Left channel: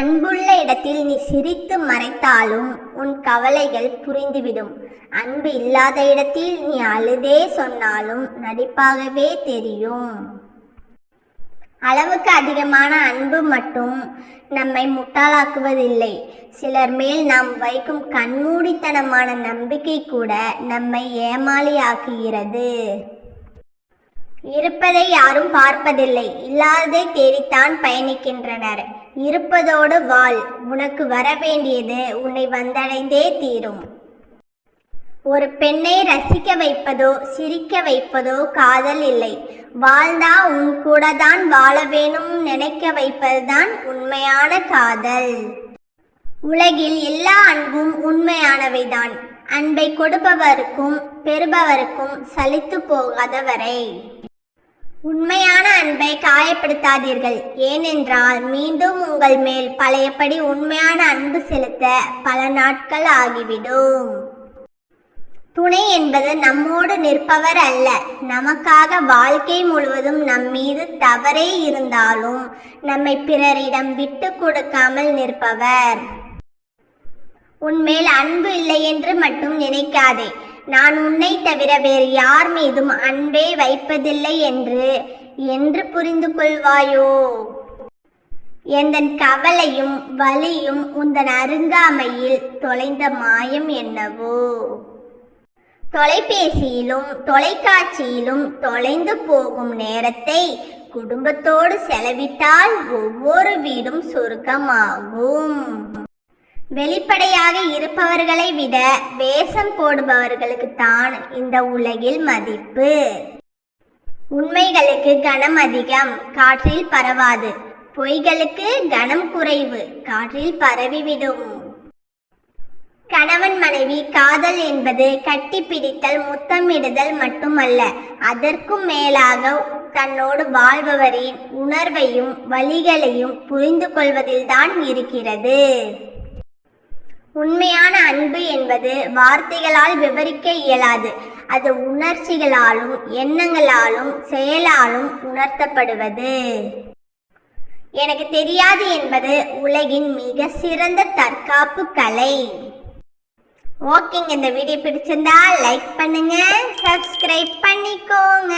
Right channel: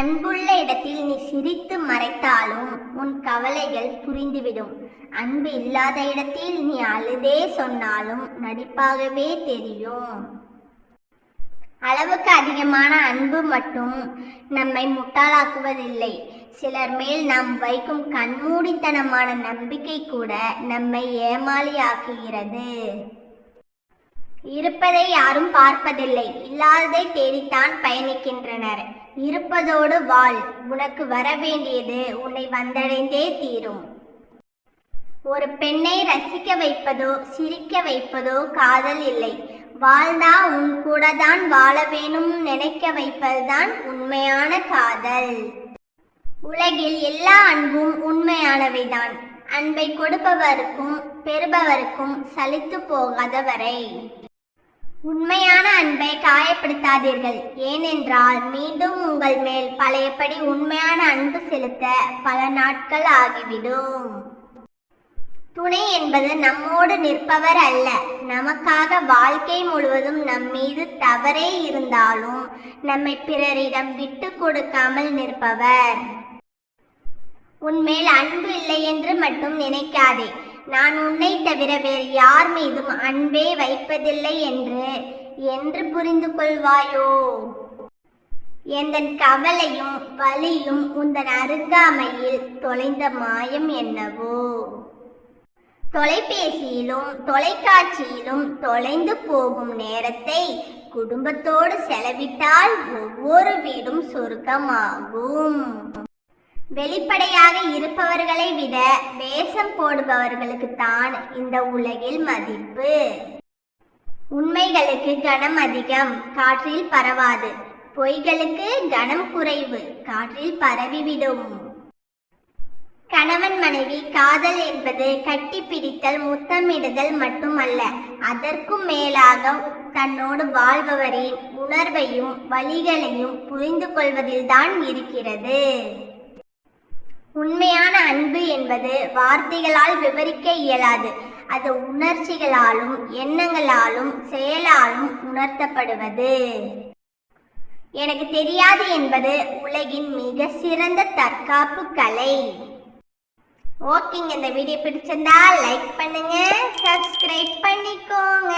அன்புள்ள இடத்தில் நீ சிரித்து மறைத்தாலும் உன் கவலைகள் புரிந்துவிடும். அன்பு இல்லாத இடத்தில் நீ அழுதே சொன்னாலும் நடிப்பாகவே தெரியும். அளவுக்கு அதிகமான அன்பு மட்டும் நம்மை முட்டாளாக்குவதில்லை. சிலர் மேல் நாம் வைக்கும் கண்மூடித்தனமான நம்பிக்கை கூட நம்மை ஏமாளியாக்குகிறது. இருப்பதை யாரும் பார்ப்பதில்லை, இல்லாததை தேடித்தான் பயணிக்கின்றனர். இருப்பதோடு வாழ், உனக்கு வர வேண்டியது உன்னை வந்தடைந்தே தீரும். ஒரு பெண்ணை ரசிக்க வைப்பதோ சிரிக்க வைப்பதோ காதல் இல்லை. வாழ்ந்தா உன் கூட தான் வாழ வேணும் நினைக்க வைப்பதுதான் உண்மையான காதல். உலகில் எல்லா அன்பும் உண்மையானவைதான். அன்பை கொடுப்பவருக்கும் பெறுபவருக்கும் சலித்து போகாதவரை. உண்மையான அன்பை காயப்படுத்தாதீர்கள். ஏனென்றால் மீண்டும் உங்கள் மேல் பழையபடி உண்மையான அன்பு செலுத்த பல நாட்கள் ஆகிவிடும். துணை என்பது நம்மோடு நிற்பவர் அல்ல, நமக்காக வாழ்க்கை முழுவதும் நம் மீது தவறே இருந்தாலும் நம்மை பிறரிடம் விட்டு கொடுக்காமல் நிற்பவர். உன்மேல் அன்பு இல்லை என்று மட்டும் நினைக்காதே. நான் உன்னை தவிர வேறு யார் மீதும் அன்பே வைப்பதில்லை என்று புரிந்து கொள்வாயோ? எந்தன் கவலையும் வலியும் உந்தன் அருங்காமையில் தொலைந்த மாயம் என்னவோ? தொலைபேசியிலும் தொலைக்காட்சியிலும் தொலைந்து போகும் நேரத்தை குடும்பத்தோடு செலவிட்டால் ஒவ்வொரு வீடும் சொர்க்கமாகும். வெளிப்படையாக இருப்பவர்களை விட வேஷம் போடுபவர்களுக்கு தான் இந்த உலகில் மதிப்பு. உண்மைகளுக்கு கனம் அதிகம், காற்றில் பரவாது. பொய்களுக்கு கனம் குறைவு, காற்றில் பரவிவிடும். கணவன் மனைவி காதல் என்பது கட்டிப்பிடித்தல் முத்தமிடுதல் மட்டுமல்ல, அதற்கும் மேலாக தன்னோடு வாழ்பவரின் உணர்வையும் வலிகளையும் புரிந்து கொள்வதில்தான் இருக்கிறது. உண்மையான அன்பு என்பது வார்த்தைகளால் விவரிக்க இயலாது. அது உணர்ச்சிகளாலும் எண்ணங்களாலும் செயலாலும் உணர்த்தப்படுவது. எனக்கு தெரியாது என்பது உலகின் மிக சிறந்த தற்காப்பு கலை. ஓகேங்க, இந்த வீடியோ பிடிச்சிருந்தா லைக் பண்ணுங்க, சப்ஸ்கிரைப் பண்ணிக்கோங்க.